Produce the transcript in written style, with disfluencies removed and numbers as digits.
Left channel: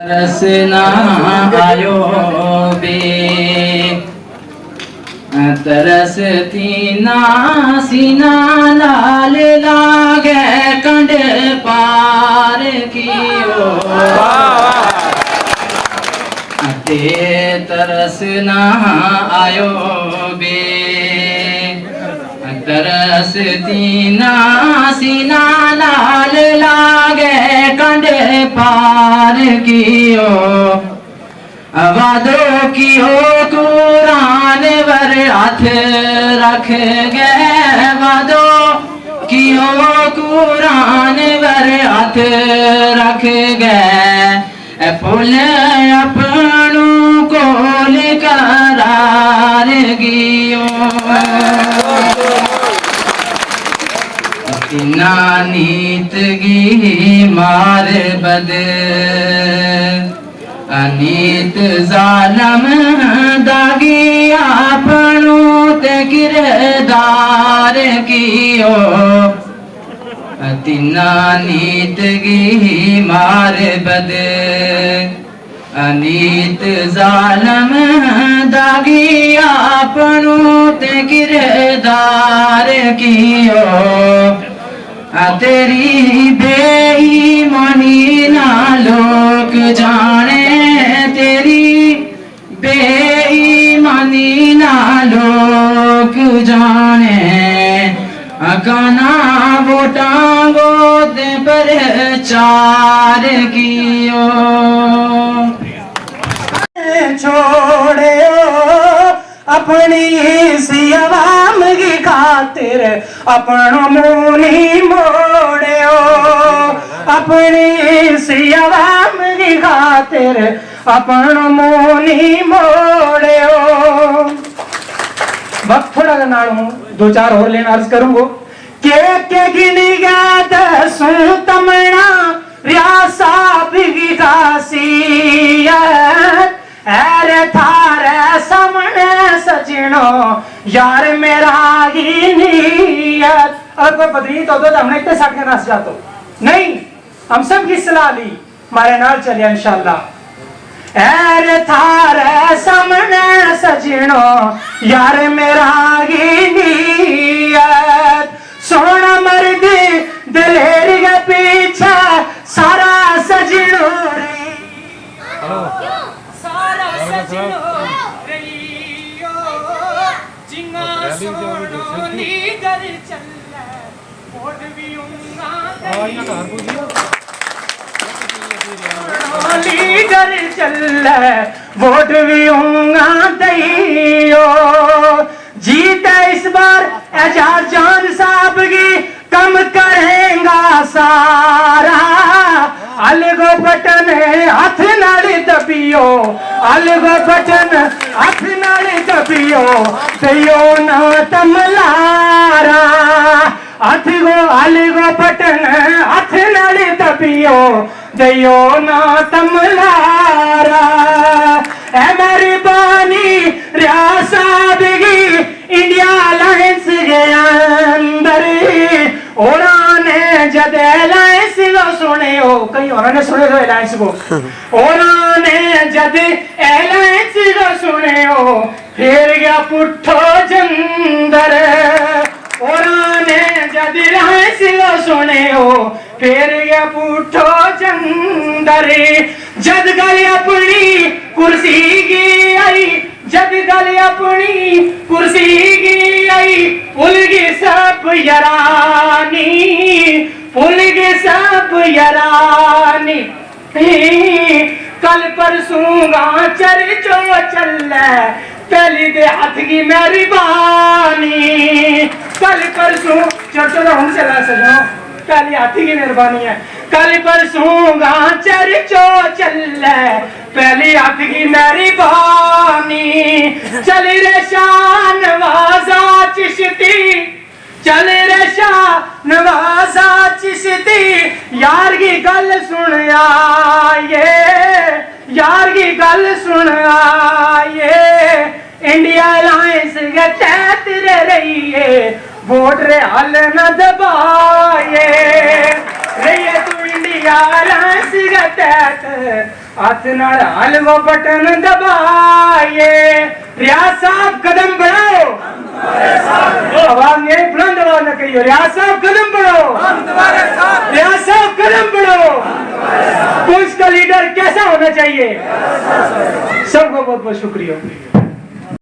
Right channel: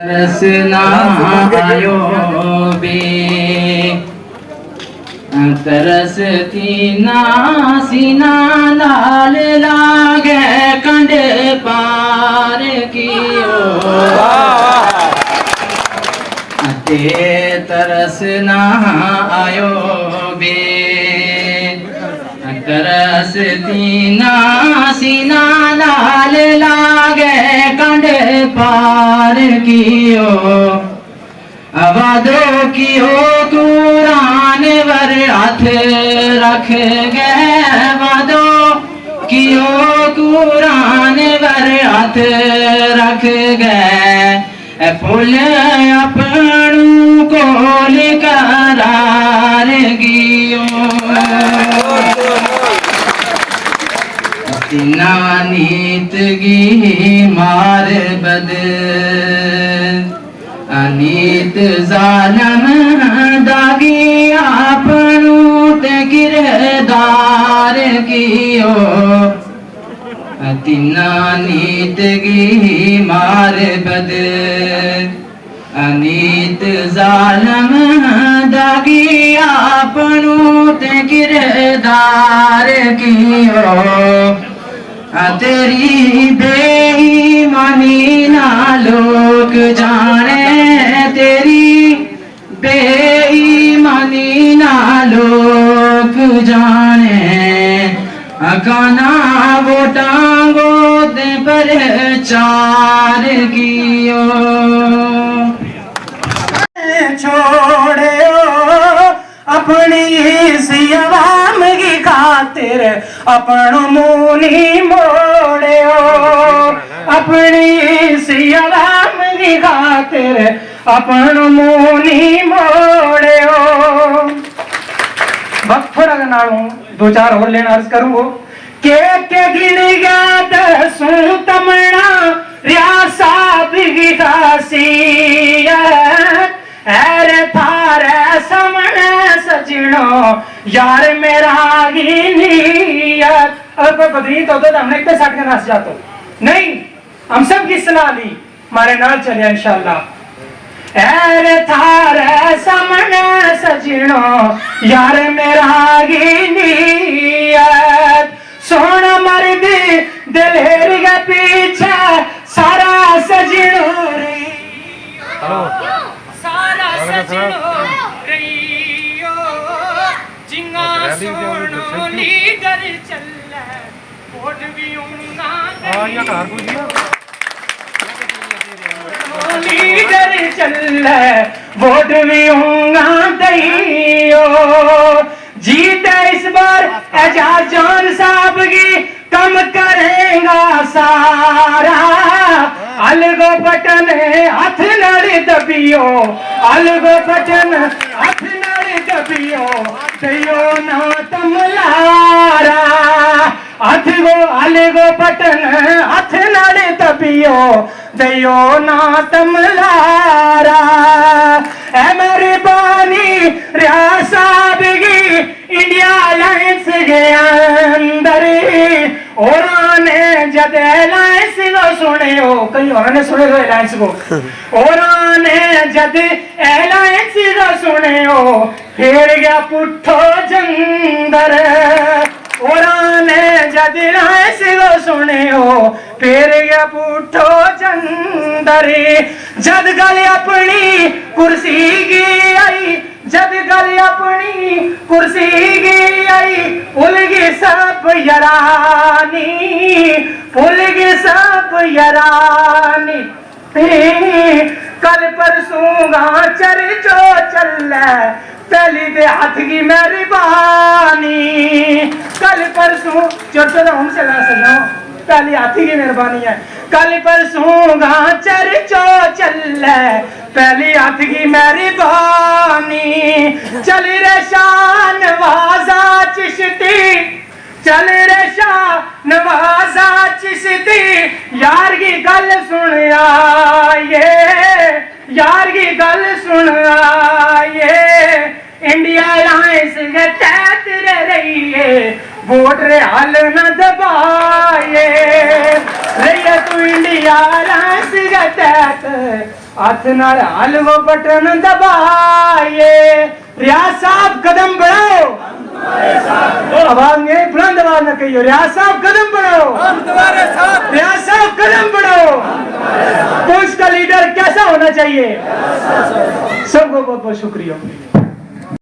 तरसना आयो बे तरसती नासीना लाल लागे कंड पार कियो ते तरसना आयो बे तरसती नासीना लाल लागे कंड पार कियो वादो कियो कुरान वर हाथ रख गए वादो कियो कुरान वर हाथ रख गए फुल अपनू कोल करार गियो तिना नीत गी मार बद अनीत जालम दागी आपनू ते किरदार कियो तिना नीत गी मार बद अनीत जालम दागी आपनू ते किरदार कियो तेरी बेईमानी ना लोग जाने तेरी बेईमानी ना लोग जाने अकाना वोटांगो दे पर चार कियो छोड़े अपनी सी आवाम की खातिर अपन मुनी मोड़ो अपनी सी आवाम की खातिर अपन मुनी मोड़ो। वक्त थोड़ा करना दो चार और लेना अर्ज करूंगा के गिन गया दसू तमना रियासा बिगी खासियत ऐरे थारे सामने सजनो यार मेरा ही नीयत। अगर कोई बदली तो हमने इतने साथ के नाच जातो नहीं हम सब की सलाह ली हमारे नाल चलिए इंशाल्लाह। ऐरे थारे सामने सजनो यार मेरा ही नीयत सोना मर्द दिलेर के पीछे सारा सजनो सारा सजनो रहियो जिंगा सोनो लीडर चले वोट भी उंगा लीडर चले वोट भी उंगा दइयो जीते इस बार एजाज जान साहब की कम करेगा सारा अलगो बटन हाथ नाल दबियो अलगो बटन हाथ नाल दबियो दियो ना तमलारा हाथ गो अलगो बटन हाथ नाल दबियो दियो ना तमलारा ए मेहरबानी रियासा बिगी इंडिया अलायंस के अंदर और जद एलायंस को सुने हो कहीं उन्होंने सुने हो एलायंस को और जद एलायंस को सुने हो फिर गया पुट्ठो जंदर और जद एलायंस को सुने हो फिर गया पुट्ठो जंदर जद गल अपनी कुर्सी की आई जद गल अपनी कुर्सी की आई उलगी सब यरानी उलगी सब यरानी कल परसूंगा चर्चो चल पहली दे हाथ की मेहरबानी कल परसों चर्चो तो हम चला सजो पहली हाथी की मेहरबानी है कल परसूंगा चर्चो चल पहली हाथ की मेहरबानी चल रे शान नवाजा चिश्ती चल रे शाह नवाजा चिश्ती यार की गल सुन आए यार की गल सुन आए इंडिया अलायंस के तहत रही है वोट रे हाल न दबाए रही तू इंडिया अलायंस के तहत हाथ नाल हलवा बटन दबाए, रियाज साहब कदम बढ़ाओ, आवाज मेरी बुलंद आवाज में कहियो, रियाज साहब कदम बढ़ाओ, रियाज साहब कदम बढ़ाओ। पुलिस का लीडर कैसा होना चाहिए? सबको बहुत बहुत शुक्रिया।